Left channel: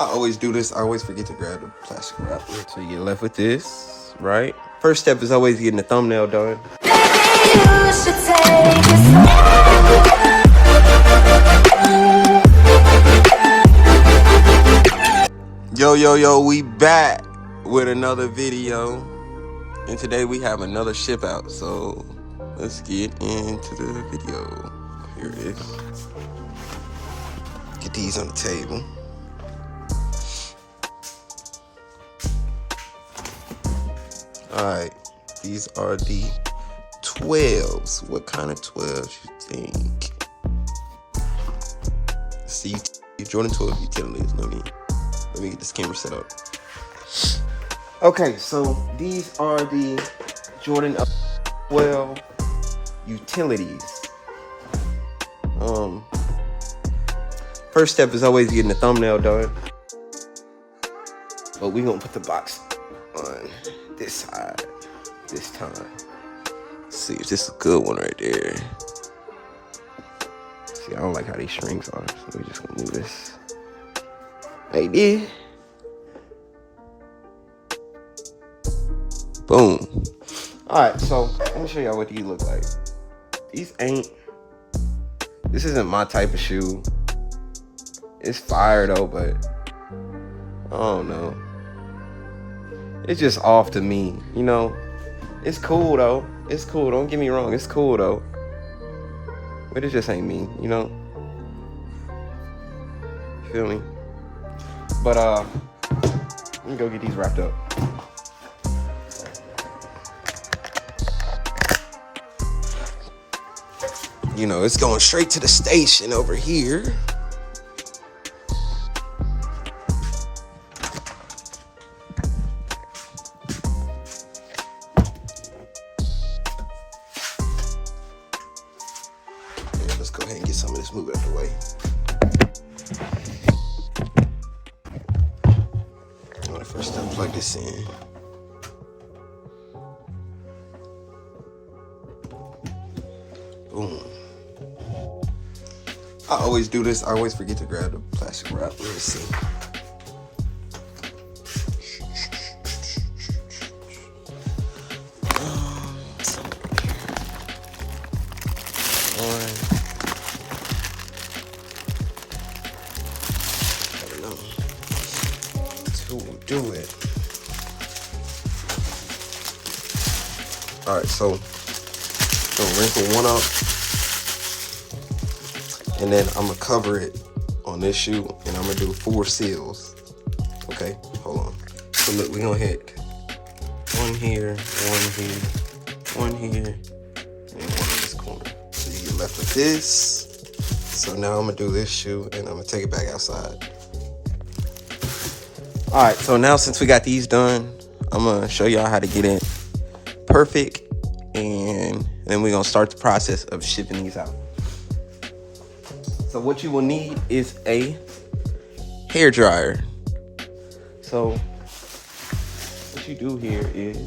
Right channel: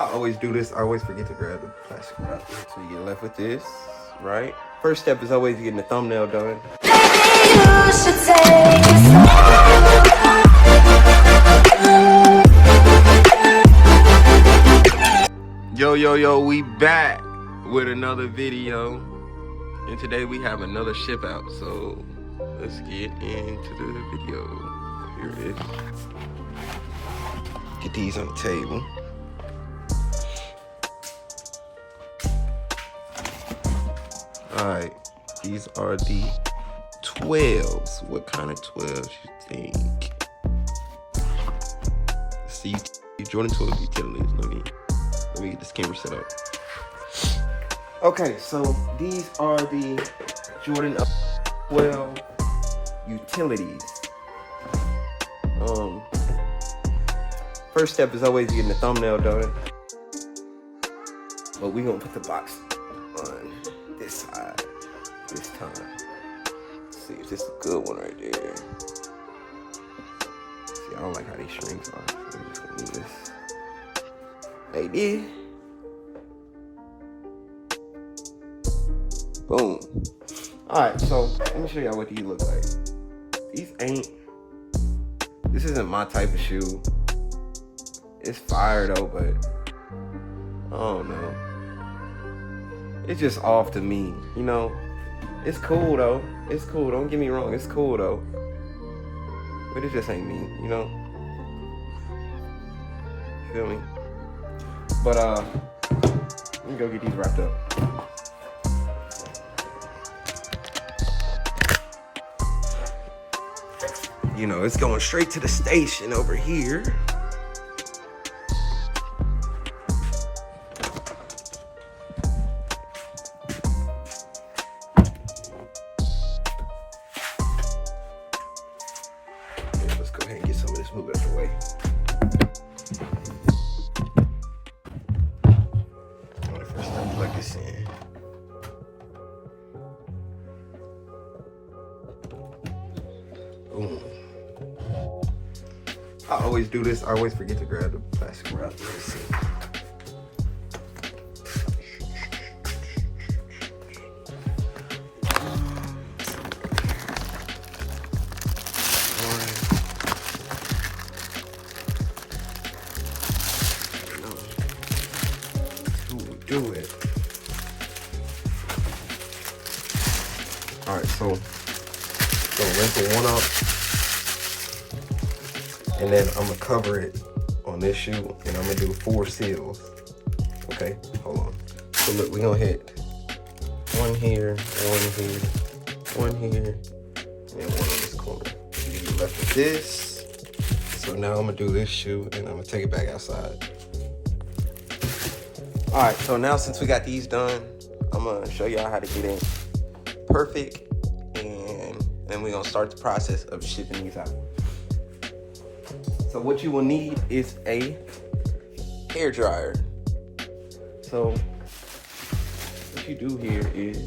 I always do this. I always forget to grab the plastic wrap. So you get left with this, right? First step is always getting the thumbnail done. You should take Yo, we back with another video. And today we have another ship out. So let's get into the video. Here it is. Get these on the table. Alright, these are the 12s. What kind of 12s you think? See, Jordan 12 utilities. Let me get this camera set up. Okay, so these are the Jordan 12 utilities. First step is always getting the thumbnail done. But we're gonna put the box on this side this time. Let's see if this is a good one right there. See, I don't like how these strings are, so we're just gonna do this right there. Boom. Alright, so let me show y'all what these look like. This isn't my type of shoe. It's fire though, but I don't know. It's just off to me, you know. It's cool though. It's cool. Don't get me wrong. It's cool though. But it just ain't me, you know. Feel me? But let me go get these wrapped up. You know, it's going straight to the station over here. Let's go ahead and get some of this moving out the way. All right, first time plug this in. Boom. I always do this. I always forget to grab the plastic wrap. Let me see. Do it. All right, so wrinkle one up, and then I'm gonna cover it on this shoe, and I'm gonna do 4 seals. Okay, hold on. So look, we're gonna hit one here, one here, one here, and one on this corner. So you get left with this. So now I'm gonna do this shoe, and I'm gonna take it back outside. All right, so now since we got these done, I'm gonna show y'all how to get it perfect, and then we're gonna start the process of shipping these out. So what you will need is a hair dryer. So what you do here is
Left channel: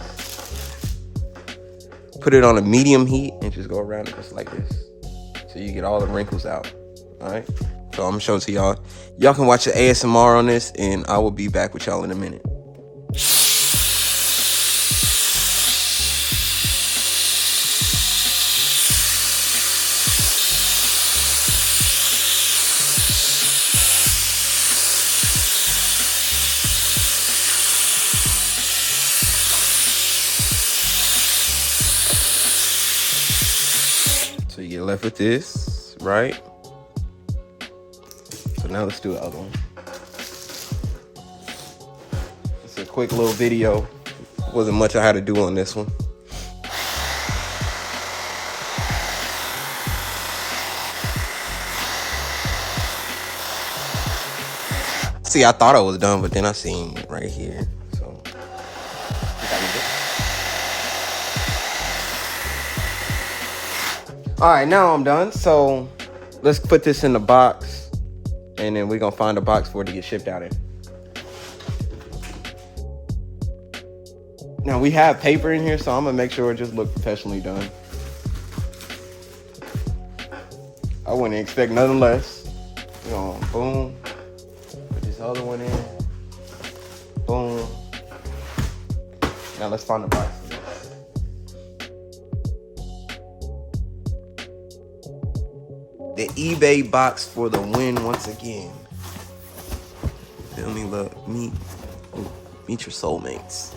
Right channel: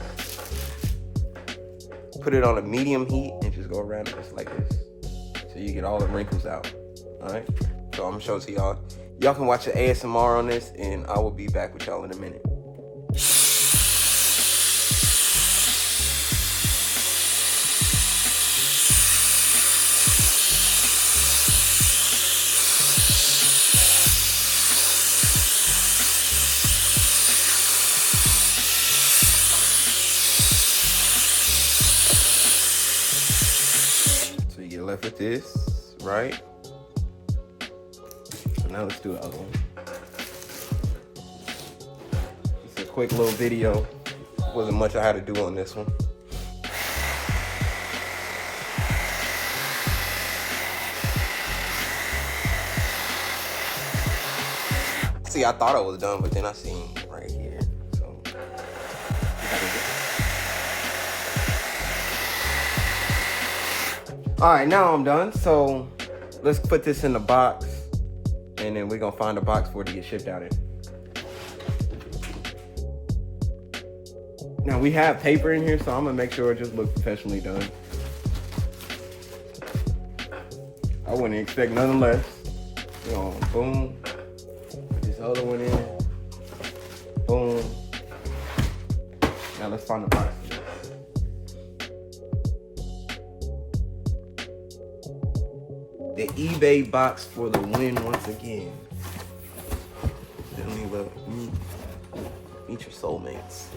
put it on a medium heat and just go around it just like this, so you get all the wrinkles out. All right. So I'm gonna show it to y'all. Y'all can watch the ASMR on this, and I will be back with y'all in a minute. So you get left with this, right? Now let's do the other one. It's a quick little video. Wasn't much I had to do on this one. See, I thought I was done, but then I seen right here. So all right, now I'm done. So let's put this in the box. And then we're gonna find a box for it to get shipped out in. Now we have paper in here, so I'm gonna make sure it just looks professionally done. I wouldn't expect nothing less. You know, boom, put this the other one in. Boom. Now let's find the box. The eBay box for the win once again. Feel me, love. Meet your soulmates.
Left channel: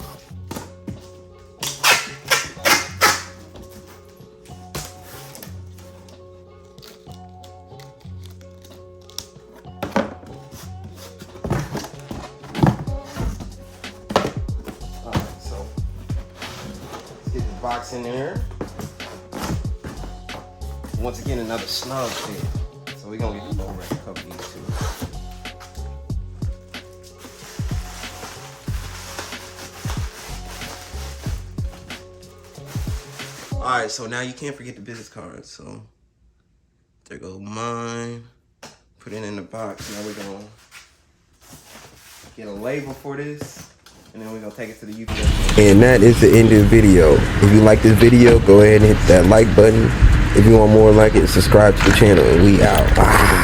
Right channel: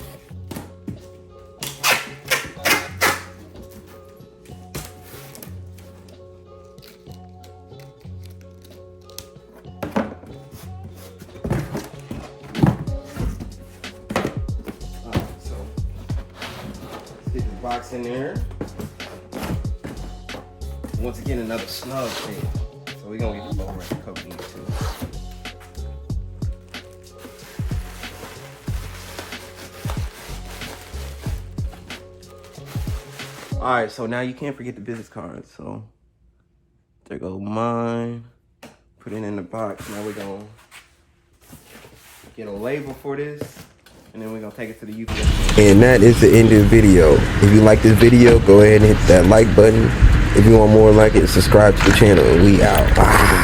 Box in there. Once again, another snug fit. So we're gonna get the low rack cover these too. Alright, so now you can't forget the business card. So there go mine. Put it in the box. Now we're gonna get a label for this. And then we're gonna take it to the UPS. And that is the end of the video. If you like this video, go ahead and hit that like button. If you want more like it, subscribe to the channel, and we out.